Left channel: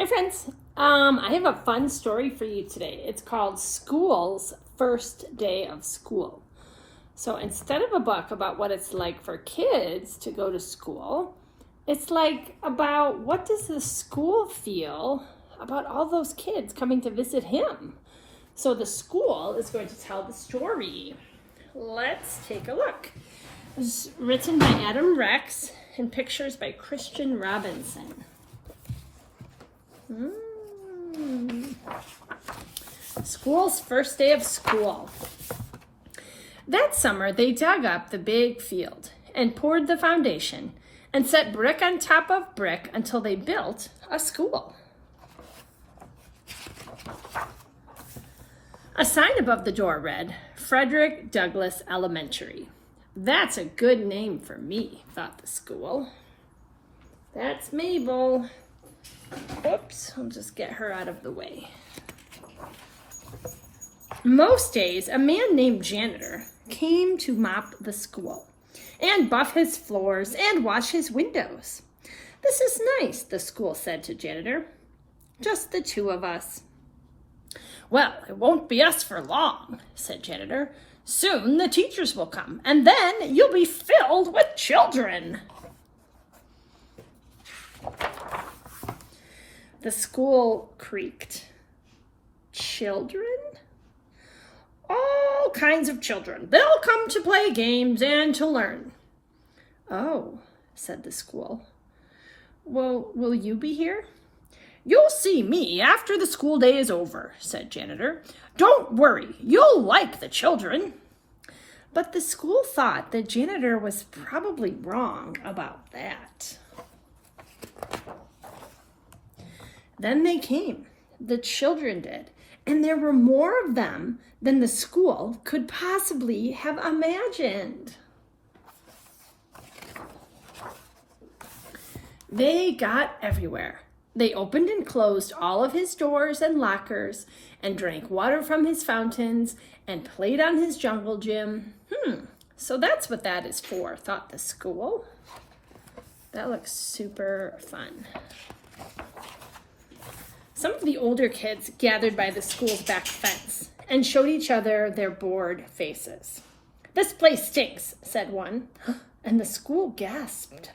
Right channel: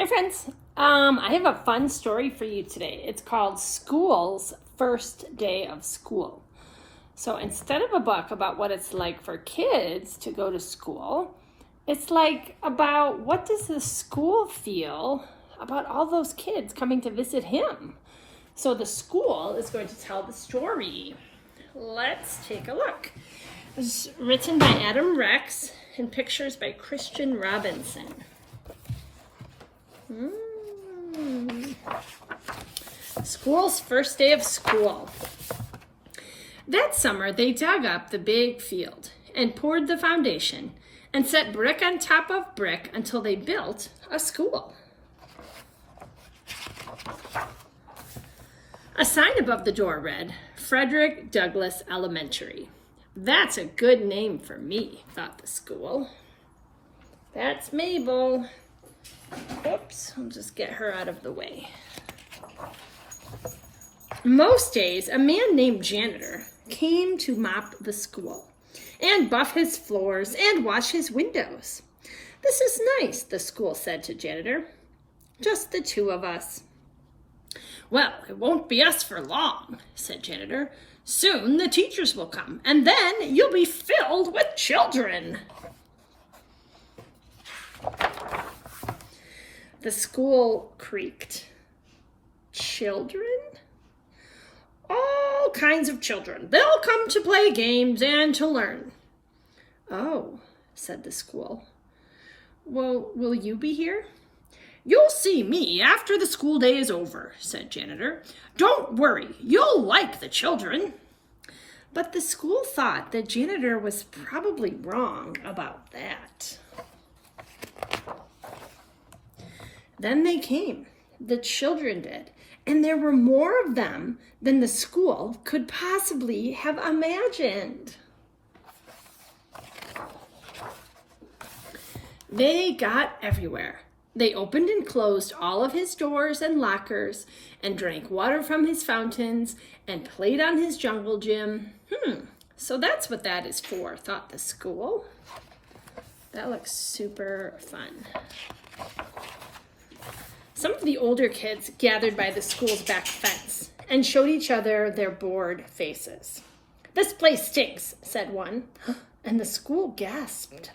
Hi, friends. I have a fun story for you today. It's called School's First Day of School. So instead of a book about what it's like for kids to go to school, it's like about what does the school feel about all those kids coming to visit him. So the school is going to tell the story. Let's take a look. It was written by Adam Rex and pictures by Christian Robinson. School's first day of school. That summer, they dug up the big field and poured the foundation and set brick on top of brick until they built a school. A sign above the door read, Frederick Douglass Elementary. That's a good name for me, thought the school. That's Mabel. Oops, I'll just get her out of the way. Most days, a man named Janitor came to mop the school and buff his floors and wash his windows. This is nice, the school said to Janitor. Just the two of us. Well, it won't be us for long, said Janitor. Soon the teachers will come, and then you'll be filled with children. The school creaked. Children? All kinds of children. They'll come to play games and to learn. Oh, said the school. Well, will you be here? You'll see me after the school day is over, said Janitor. Don't worry, you'll like the children. But the school thought that Janitor was probably wrong about that. Then they came. The children did. And there were more of them than the school could possibly have imagined. They got everywhere. They opened and closed all of his doors and lockers and drank water from his fountains and played on his jungle gym. So that's what that is for, thought the school. That looks super fun. Some of the older kids gathered by the school's back fence and showed each other their bored faces. This place stinks, said one, and the school gasped.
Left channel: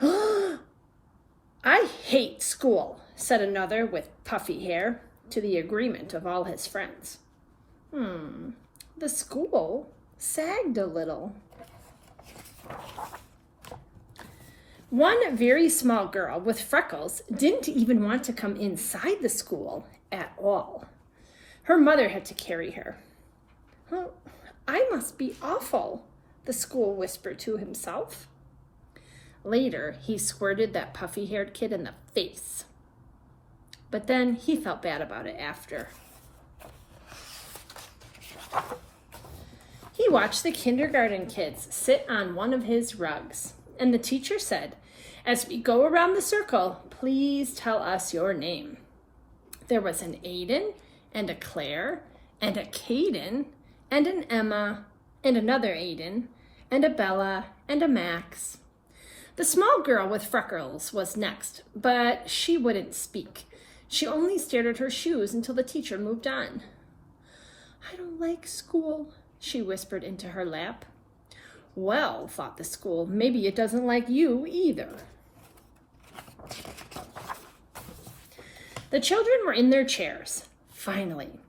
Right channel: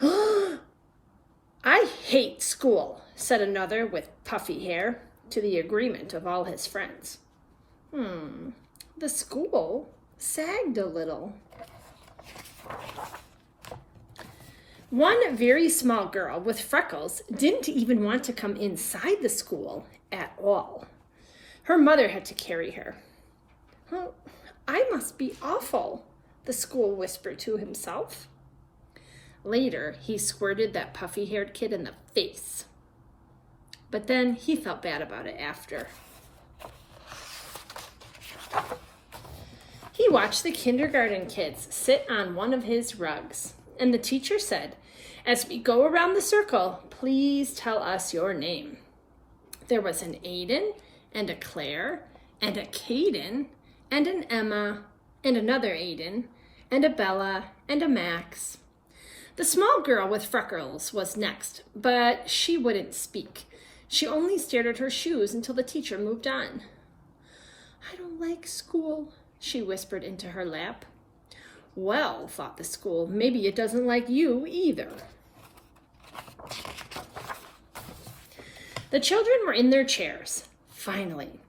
I hate school, said another with puffy hair, to the agreement of all his friends. The school sagged a little. One very small girl with freckles didn't even want to come inside the school at all. Her mother had to carry her. Well, I must be awful, the school whispered to himself. Later, he squirted that puffy-haired kid in the face. But then he felt bad about it after. He watched the kindergarten kids sit on one of his rugs. And the teacher said, as we go around the circle, please tell us your name. There was an Aiden and a Claire and a Caden and an Emma and another Aiden and a Bella and a Max. The small girl with freckles was next, but she wouldn't speak. She only stared at her shoes until the teacher moved on. I don't like school, she whispered into her lap. Well, thought the school, maybe it doesn't like you either. The children were in their chairs, finally.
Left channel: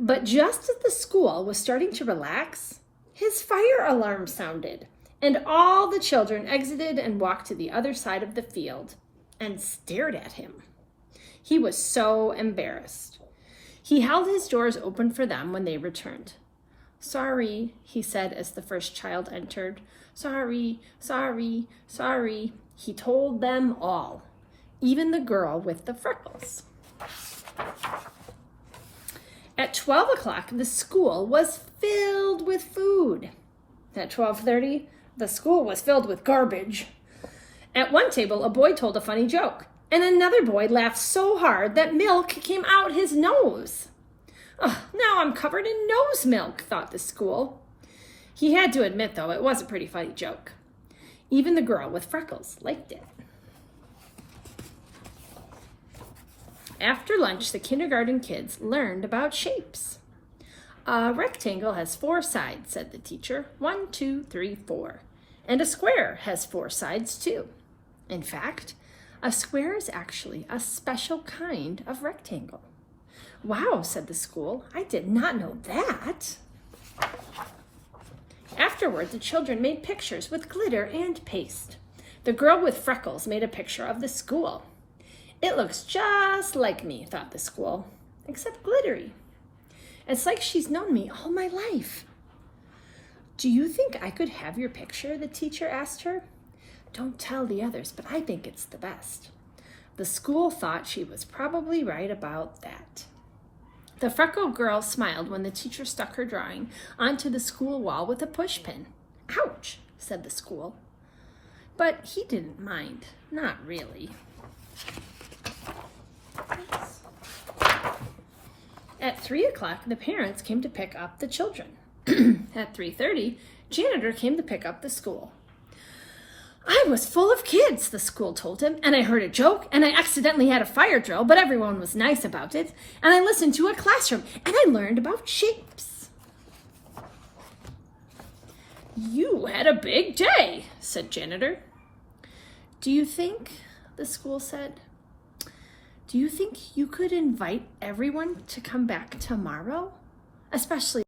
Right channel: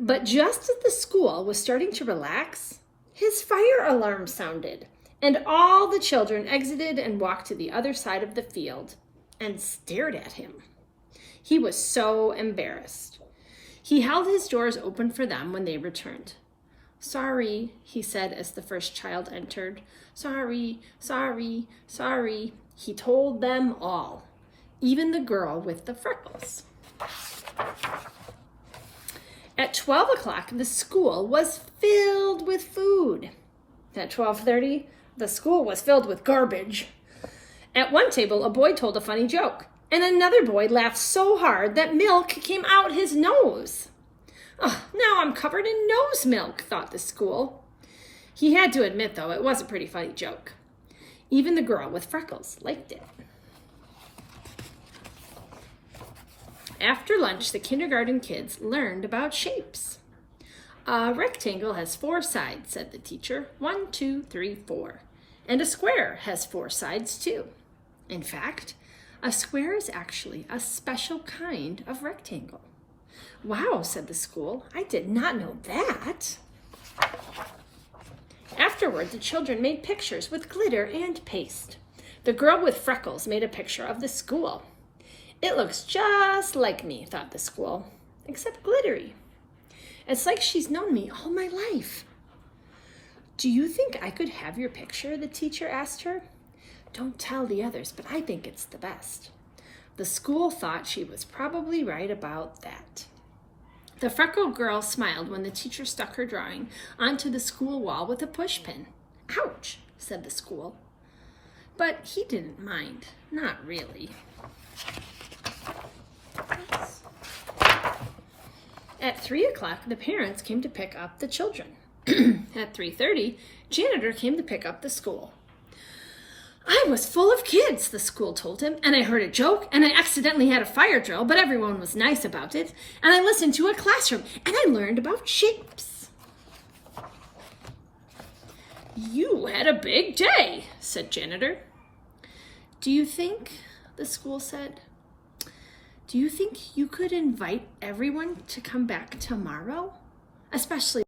But just as the school was starting to relax, his fire alarm sounded, and all the children exited and walked to the other side of the field and stared at him. He was so embarrassed. He held his doors open for them when they returned. Sorry, he said as the first child entered. Sorry, sorry, sorry. He told them all, even the girl with the freckles. At 12 o'clock, the school was filled with food. At 12:30, the school was filled with garbage. At one table, a boy told a funny joke, and another boy laughed so hard that milk came out his nose. Oh, now I'm covered in nose milk, thought the school. He had to admit, though, it was a pretty funny joke. Even the girl with freckles liked it. After lunch, the kindergarten kids learned about shapes. A rectangle has 4 sides, said the teacher. 1, 2, 3, 4. And a square has 4 sides too. In fact, a square is actually a special kind of rectangle. Wow, said the school. I did not know that. Afterward, the children made pictures with glitter and paste. The girl with freckles made a picture of the school. It looks just like me, thought the school, except glittery. It's like she's known me all my life. Do you think I could have your picture? The teacher asked her. Don't tell the others, but I think it's the best. The school thought she was probably right about that. The freckled girl smiled when the teacher stuck her drawing onto the school wall with a pushpin. Ouch, said the school. But he didn't mind, not really. At 3 o'clock, the parents came to pick up the children. At 3:30, janitor came to pick up the school. I was full of kids, the school told him, and I heard a joke, and I accidentally had a fire drill, but everyone was nice about it, and I listened to a classroom, and I learned about shapes. You had a big day, said janitor. Do you think, the school said, do you think you could invite everyone to come back tomorrow? Especially